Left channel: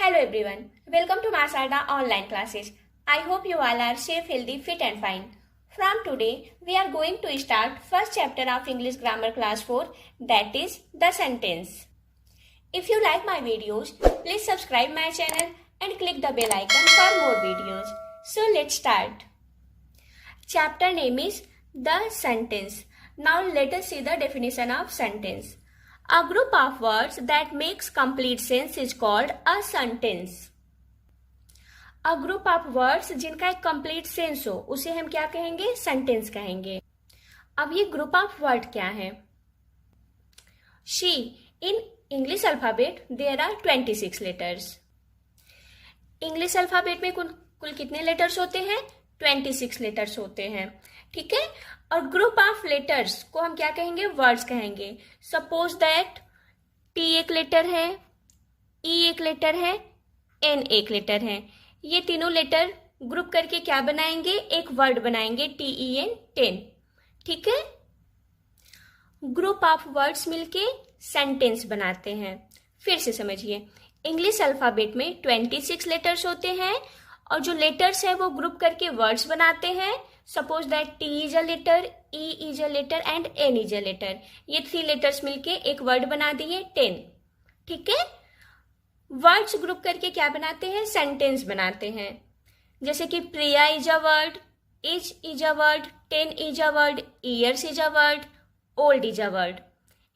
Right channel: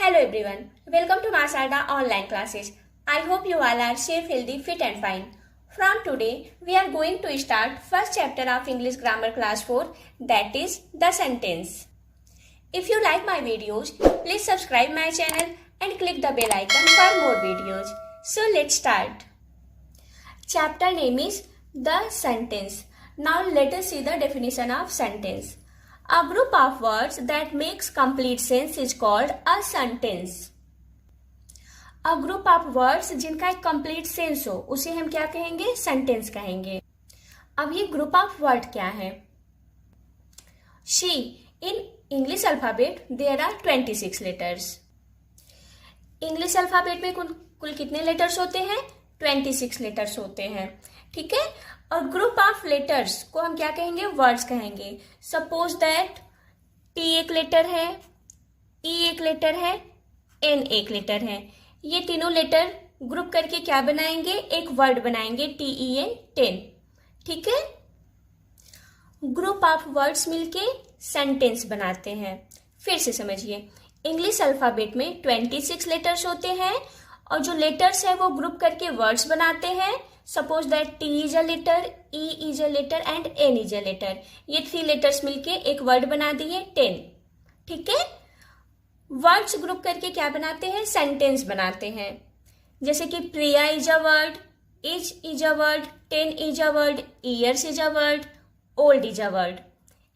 Hello everyone, welcome to Masada online classes. I hope you all are safe, healthy, fit and fine. From today, we are going to start first chapter of English Grammar Class 4, that is the sentence. If you like my videos, please subscribe my channel and click the bell icon for more videos. So let's start. Chapter name is the sentence. Now let us see the definition of sentence. A group of words that makes complete sense is called a sentence. A group of words जिनका एक complete sense हो उसे हम क्या कहेंगे? Sentence कहेंगे. अब ये group of word क्या है? In English alphabet there are 26 letters. English alphabet में कुल कितने letters होते हैं? 26 letters होते हैं. ठीक है. और ग्रुप ऑफ लेटर्स को हम क्या कहेंगे? वर्ड्स कहेंगे. सपोज दैट टी एक लेटर है, ई एक लेटर है, एन एक लेटर है. ये तीनों लेटर ग्रुप करके क्या बनाएंगे? एक वर्ड बनाएंगे. TEN 10. ठीक है. ग्रुप ऑफ वर्ड्स मिलके सेंटेंस बनाते हैं. फिर से समझिए, इंग्लिश अल्फाबेट में 26 लेटर्स होते हैं और जो लेटर्स है वो ग्रुप करके वर्ड्स बनाते हैं. Suppose that T is a letter, E is a letter and N is a letter. ये 3 लेटर्स मिलके एक वर्ड बना दिए 10. ठीक है. वर्ड्स ग्रुप करके क्या बनाते हैं? सेंटेंस बनाते हैं. जैसे कि Priya is a word, is a word, 10 is a word, years is a word, old is a word.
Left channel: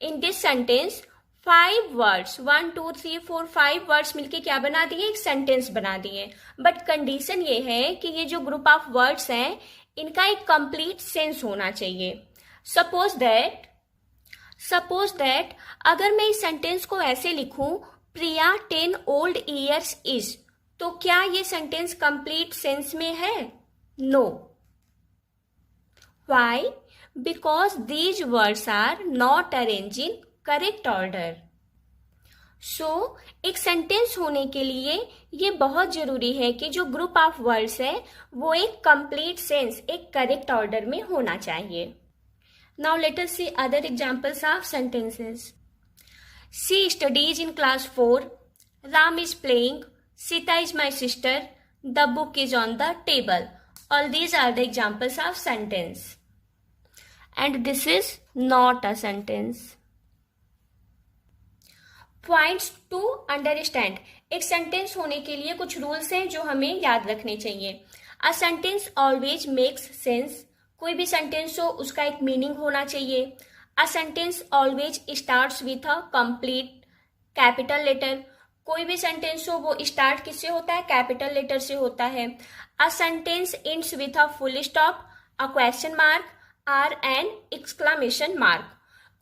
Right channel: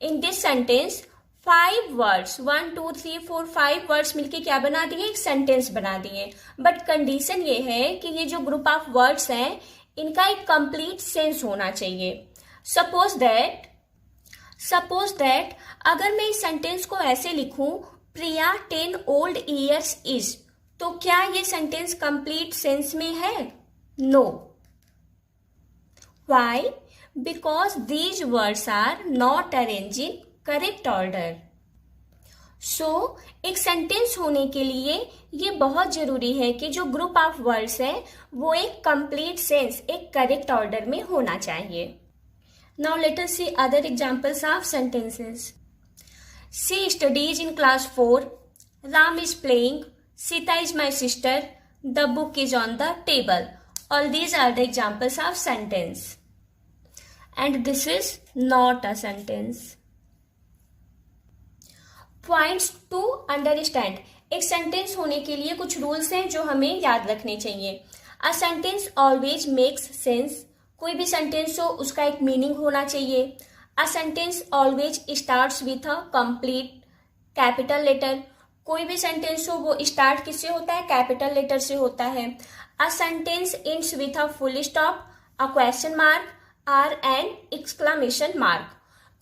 In this sentence 5 words 1 2 3 4 5 words मिलके क्या बना दिए? एक सेंटेंस बना दिए. बट कंडीशन ये है कि ये जो ग्रुप ऑफ वर्ड्स हैं इनका एक कंप्लीट सेंस होना चाहिए. सपोज दैट अगर मैं इस सेंटेंस को ऐसे लिखूं, प्रिया 10 ओल्ड ईयर्स इज, तो क्या ये सेंटेंस कंप्लीट सेंस में है? No. Why? Because these words are not arrange in correct order. So एक सेंटेंस होने के लिए ये बहुत जरूरी है कि जो ग्रुप ऑफ वर्ड्स है वो एक कंप्लीट सेंस, एक करेक्ट ऑर्डर में होना चाहिए. Now let us see other examples of sentences. She studies in class 4, Ram is playing, Sita is my sister, the book is on the table. All these are the examples of sentence and this is not a sentence. Points to understand. एक sentence होने के लिए कुछ rules हैं जो हमें याद रखने चाहिए. A sentence always makes sense. कोई भी सेंटेंस हो उसका एक मीनिंग होना चाहिए. A sentence always starts with a complete capital letter. कोई भी सेंटेंस हो वो स्टार्ट किससे होता है? कैपिटल लेटर से होता है. A sentence ends with a full stop, a question mark और एन एक्सक्लेमेशन मार्क.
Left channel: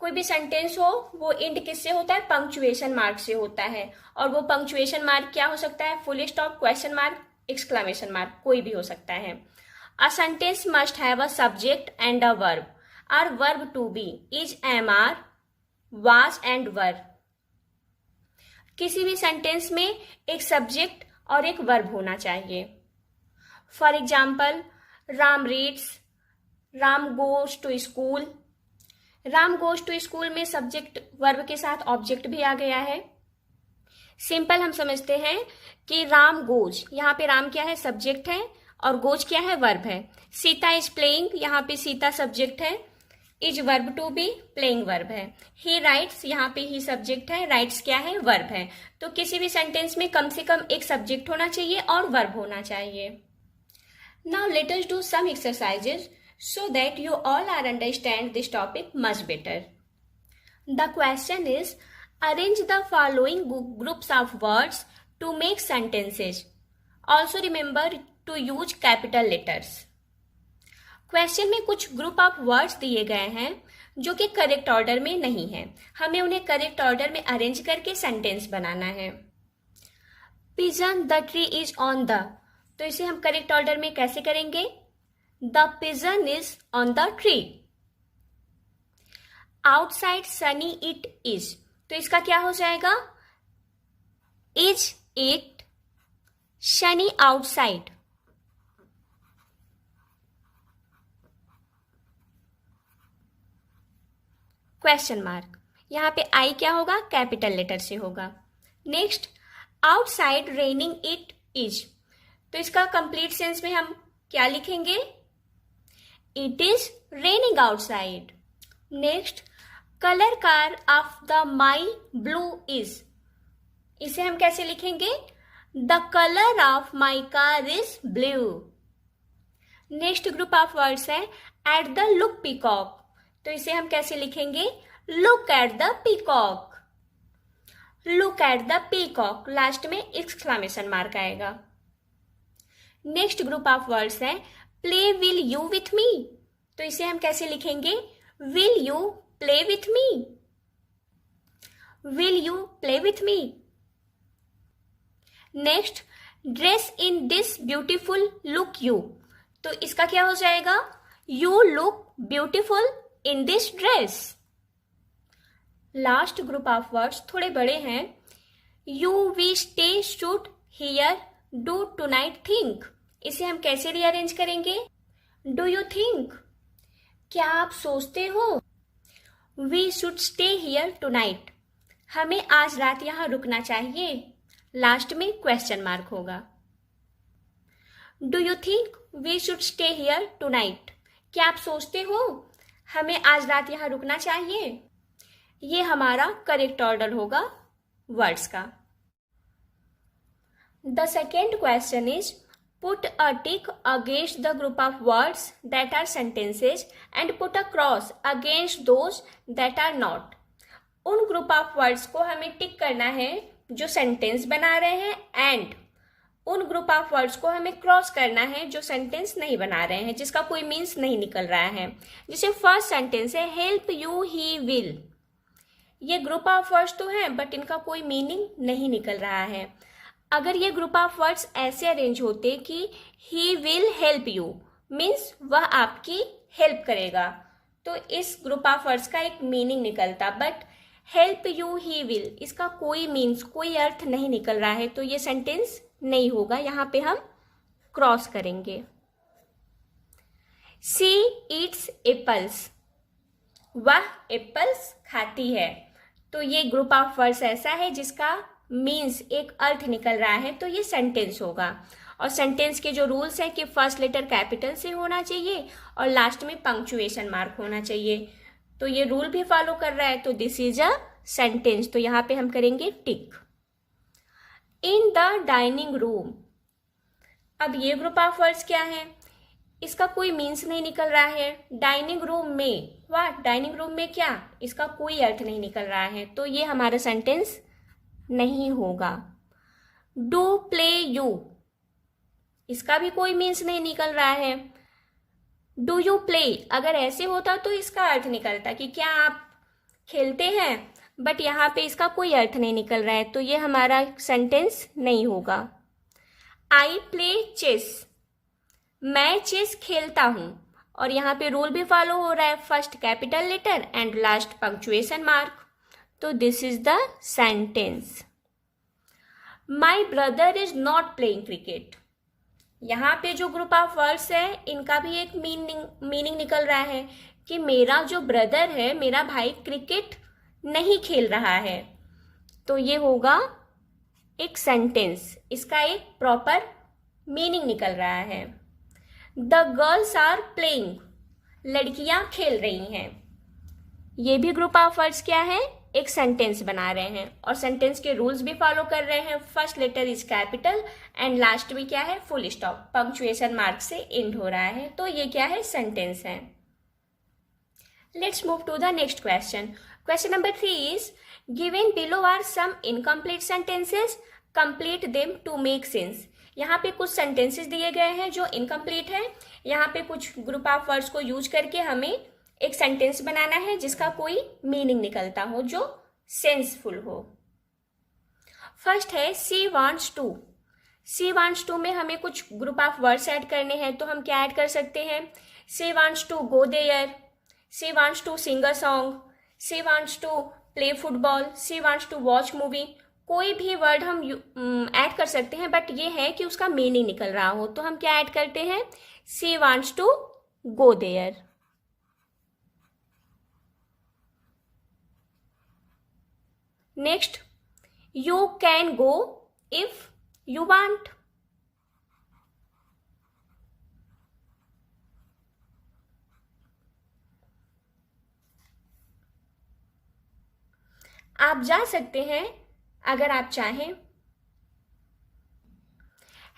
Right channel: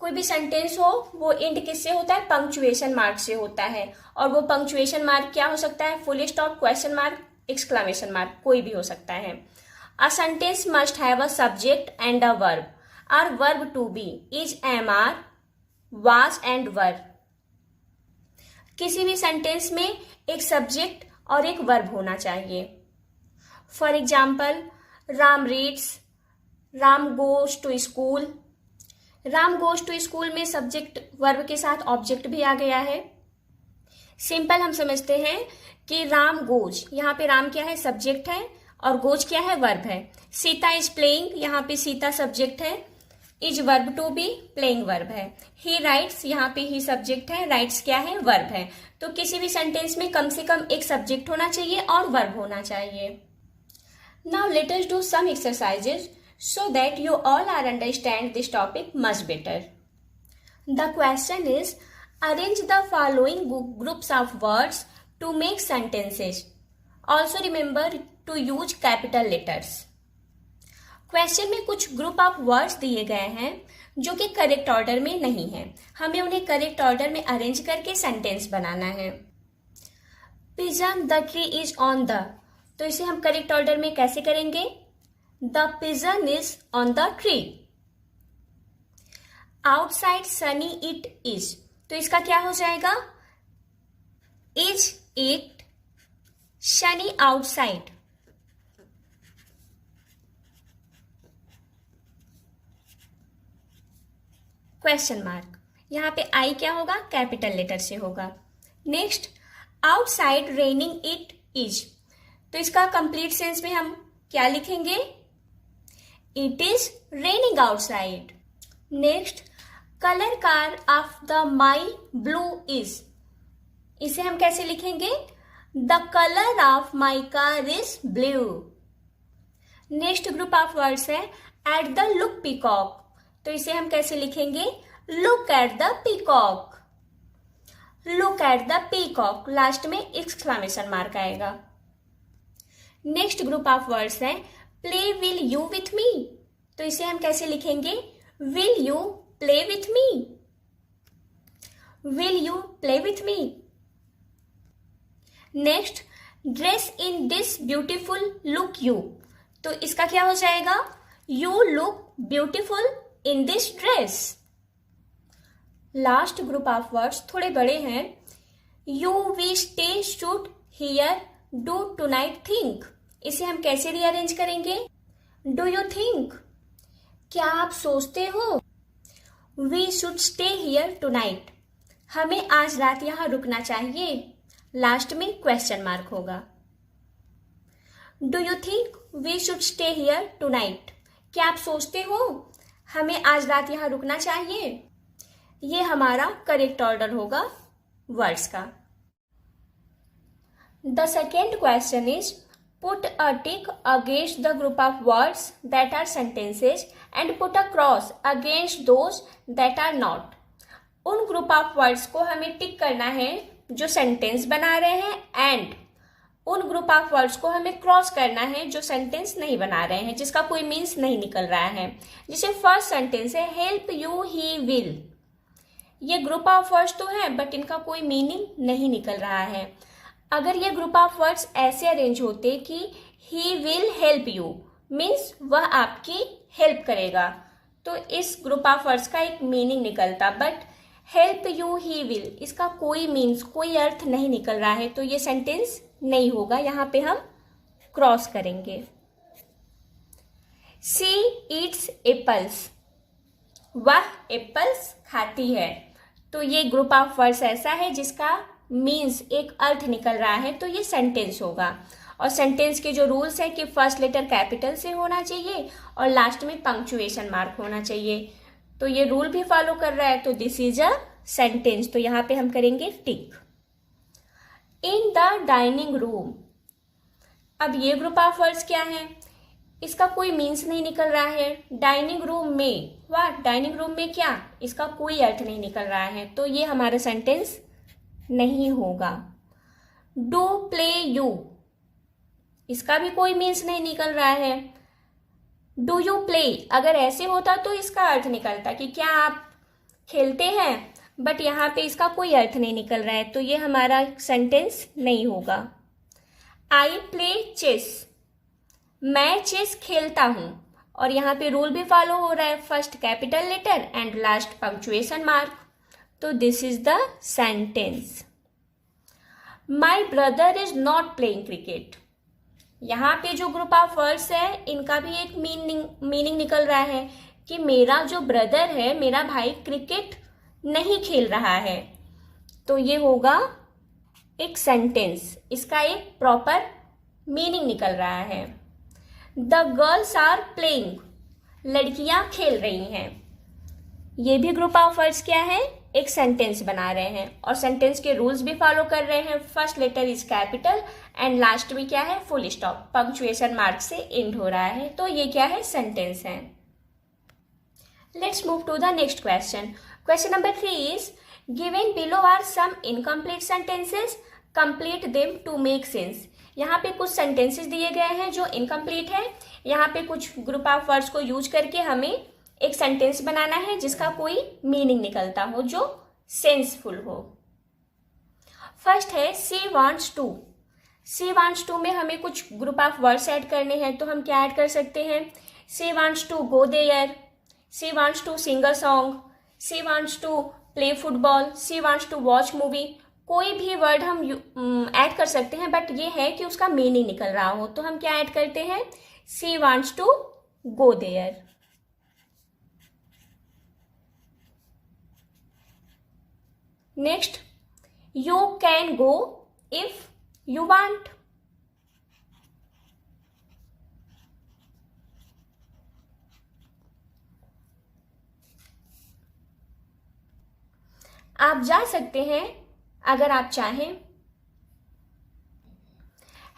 कोई भी सेंटेंस हो वो एंड किससे होता है? पंक्चुएशन मार्क से होता है. और वो पंक्चुएशन मार्क क्या हो सकता है? Full stop, question mark, exclamation mark, कोई भी हो सकता है. A sentence must have a subject and a verb. Are verb to be is, am are, was and were. किसी भी सेंटेंस में एक सब्जेक्ट और एक वर्ब होना चाहिए. For example, Ram reads, Ram goes to school. Ram goes to school में subject verb के साथ ऑब्जेक्ट भी आ गया है. सिंपल हम समझते हैं कि राम गोज, यहाँ पे राम क्या है? सब्जेक्ट है और गोज क्या है? वर्ब है. सीता इज प्लेइंग, यहाँ पे सीता सब्जेक्ट है, is verb to be, playing verb है. ही राइट्स, यहाँ पे ही सब्जेक्ट है, राइट्स क्या है? वर्ब है. तो किसी भी सेंटेंस में कम से कम एक सब्जेक्ट होना चाहिए और वर्ब होना चाहिए. Now let us do some exercises so that you all are understand this topic much better. The question is, arrange the following groups of words to make sentences. Also remember to use capital letters. Question में कुछ group of words दिए गए हैं जो कि correct order में नहीं है. हमें उन्हें करेक्ट ऑर्डर में अरेंज करके सेंटेंस बनाना है. Pigeon the tree is on the, तो इसे हम करेक्ट ऑर्डर में कैसे करेंगे? The pigeon is on the tree. Outside sunny it is, तो इसका क्या हो जाएगा? Is it sunny outside? Question mark. यहाँ पे I क्या होगा? कैपिटल लेटर से होगा. Next, outside raining it is. तो इसका कंप्लीट सेंस में हम क्या लिखेंगे? It is raining outside. Next, colour car of the my blue is. इसे हम कैसे लिखेंगे? The colour of my car is blue. Next group of words है एट द लुक पीकॉक। तो इसे हम कैसे लिखेंगे? Look at the peacock. Look at the peacock, last में एक्सक्लेमेशन मार्क आएगा। नेक्स्ट ग्रुप ऑफ वर्ड्स है play will you with me. तो इसे हम कैसे लिखेंगे? Will you play with me. Will you play with me. Next, dress in this beautiful look you. तो इसका क्या हो जाएगा? You look beautiful in this dress. Last group of words थोड़े बड़े हैं। You we stay should here do tonight think. इसे हम कैसे रीअरेंज करेंगे? डू यू थिंक, क्या आप सोचते हो? We should stay here tonight, हमें आज रात यहां रुकना चाहिए। लास्ट में क्वेश्चन मार्क होगा। Do you think we should stay here tonight, क्या आप सोचते हो हमें आज रात यहां रुकना चाहिए? ये हमारा करेक्ट ऑर्डर होगा वर्ड्स का। The second question is put a tick against the group of words that are sentences and put a cross against those that are not. उन ग्रुप ऑफ वर्ड्स को हमें टिक करना है जो सेंटेंस बना रहे हैं, एंड उन ग्रुप ऑफ वर्ड्स को हमें क्रॉस करना है जो सेंटेंस नहीं बना रहे हैं, जिसका कोई मीन्स नहीं निकल रहा है। जैसे फर्स्ट सेंटेंस है हेल्प यू ही विल। ये ग्रुप ऑफ वर्ड्स तो हैं बट इनका कोई मीनिंग नहीं निकल रहा है। अगर ये ग्रुप ऑफ वर्ड्स ऐसे अरेंज होते कि he will help you means वह आपकी हेल्प करेगा, तो इस ग्रुप ऑफ वर्ड्स का एक मीनिंग निकलता। But help you he will, इसका कोई मीन्स, कोई अर्थ नहीं निकल रहा है, तो ये सेंटेंस नहीं होगा। यहां पे हम क्रॉस करेंगे। सी ईट्स एप्पल्स, वह एप्पल्स खाती है। तो ये ग्रुप ऑफ वर्ड्स ऐसा है जिसका मीन्स एक अर्थ निकल रहा है, तो ये सेंटेंस होगा। और सेंटेंस के जो रूल्स हैं कि फर्स्ट लेटर कैपिटल से होना चाहिए और लास्ट में पंक्चुएशन मार्क होना चाहिए, तो ये रूल भी फॉलो कर रहा है, तो दिस इज अ सेंटेंस। तो यहां पे हम करेंगे टिक। इन द डाइनिंग रूम, अब ये ग्रुप ऑफ वर्ड्स क्या है? इसका कोई मीन्स नहीं निकल रहा है। डाइनिंग रूम में, व्हाट, डाइनिंग रूम में क्या, इसका कोई अर्थ नहीं निकल रहा है, तो ये हमारा सेंटेंस नहीं होगा। डू प्ले यू, इसका भी कोई मीन्स नहीं निकल रहा है। डू यू प्ले, अगर ऐसे होता तो इसका अर्थ निकलता कि क्या आप खेलते हैं, बट यहाँ पे इसका कोई अर्थ नहीं निकल रहा है, तो ये हमारा सेंटेंस नहीं होगा। आई प्ले चेस, मैं चेस खेलता हूं, और यहाँ पे रूल भी फॉलो हो रहा है, first capital letter and last punctuation mark, तो this is the sentence. My brother is not playing cricket, यहाँ पे जो ग्रुप ऑफ वर्ड्स है इनका भी एक मीनिंग निकल रहा है कि मेरा जो ब्रदर है, मेरा भाई क्रिकेट नहीं खेल रहा है, तो ये होगा एक सेंटेंस, इसका एक प्रॉपर मीनिंग निकल रहा है। द गर्ल्स आर प्लेइंग, लड़कियां खेल रही हैं, ये भी ग्रुप ऑफ वर्ड्स क्या है? एक सेंटेंस बना रहे हैं, और सेंटेंस के रूल्स भी फॉलो कर रहे हैं। First letter is capital and last में क्या है? फुल स्टॉप, पंक्चुएशन मार्क से एंड हो रहा है, तो ये क्या है? सेंटेंस है। Let's move to the next question. Question number 3 is given below are some incomplete sentences, complete them to make sense. यहाँ पे कुछ सेंटेंसेस दिए गए हैं जो इनकम्प्लीट है। यहाँ पे कुछ ग्रुप ऑफ वर्ड्स को यूज करके हमें एक सेंटेंस बनाना है जिसका कोई मीनिंग निकलता हो, जो सेंसफुल हो। फर्स्ट है she wants to. She wants to में हमें कुछ ग्रुप ऑफ वर्ड्स ऐड करने हैं, तो हम क्या ऐड कर सकते हैं? She wants to go there, she wants to sing a song, she wants to play football, she wants to watch movie. कोई भी वर्ड हम ऐड कर सकते हैं, बट ये है कि उसका मीनिंग निकल रहा हो, तो हम क्या ऐड करते हैं? She wants to go there. Next, you can go You want. आप जा सकते हैं अगर आप चाहें।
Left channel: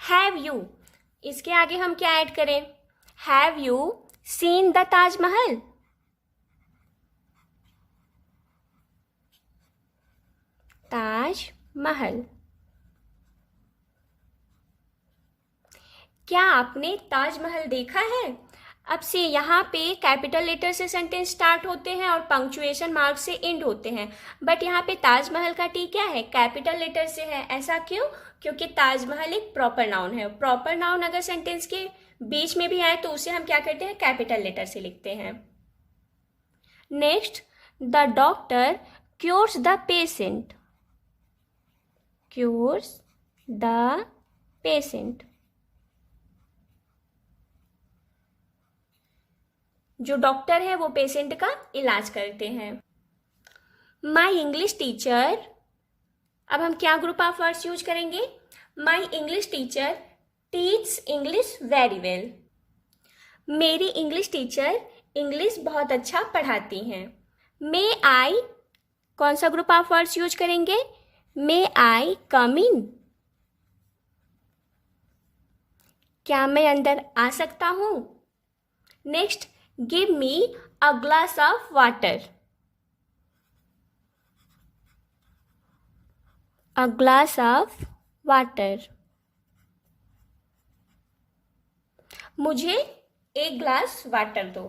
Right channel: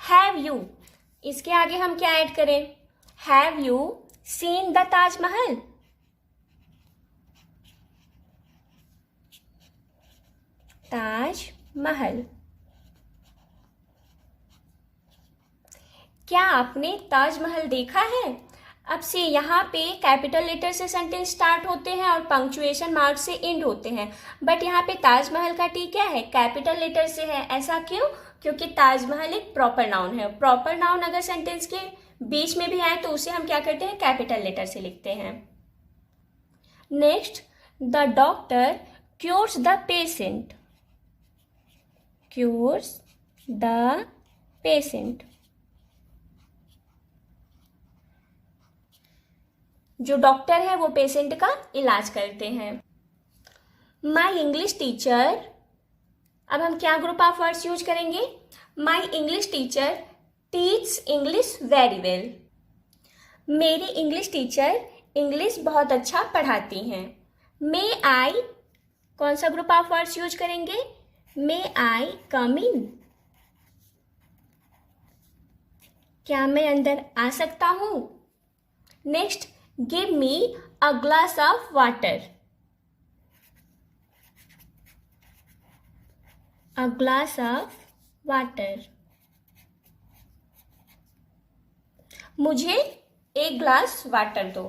Have you, इसके आगे हम क्या ऐड करें? Have you seen the Taj Mahal? Taj Mahal. क्या आपने ताजमहल देखा है? अब से यहाँ पे कैपिटल लेटर से सेंटेंस स्टार्ट होते हैं और पंक्चुएशन मार्क से एंड होते हैं, बट यहाँ पे ताजमहल का टी क्या है? कैपिटल लेटर से है। ऐसा क्यों? क्योंकि ताजमहल एक प्रॉपर नाउन है। प्रॉपर नाउन अगर सेंटेंस के बीच में भी आए तो उसे हम क्या करते हैं? कैपिटल लेटर से लिखते हैं। Next, the doctor cures the patient. Cures the patient, जो डॉक्टर है वो पेशेंट का इलाज करते हैं। माई इंग्लिश टीचर, अब हम क्या ग्रुप ऑफ वर्ड्स यूज करेंगे? My English teacher teach English very well. मेरी इंग्लिश टीचर इंग्लिश बहुत अच्छा पढ़ाती हैं। मे आई, कौन सा ग्रुप ऑफ वर्ड्स यूज करेंगे? मे आई कम इन, क्या मैं अंदर आ सकता हूं? Next, give me a glass of water. A glass of water, मुझे एक ग्लास वाटर दो।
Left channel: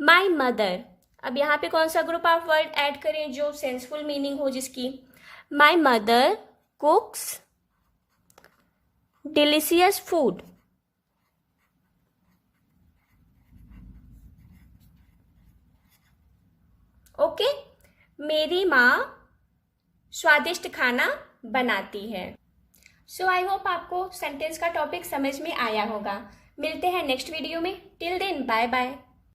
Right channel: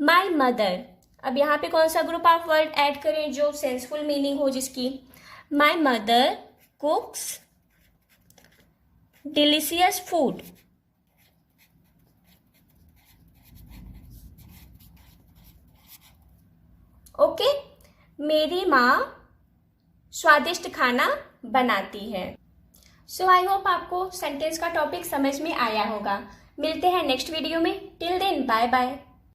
माई मदर, अब यहाँ पे कौन सा ग्रुप ऑफ वर्ड ऐड करें जो सेंसफुल मीनिंग हो जिसकी? My mother cooks delicious food. Okay, मेरी माँ स्वादिष्ट खाना बनाती है। सो आई होप आपको सेंटेंस का टॉपिक समझ में आया होगा। मिलते हैं नेक्स्ट वीडियो में। Till then bye bye.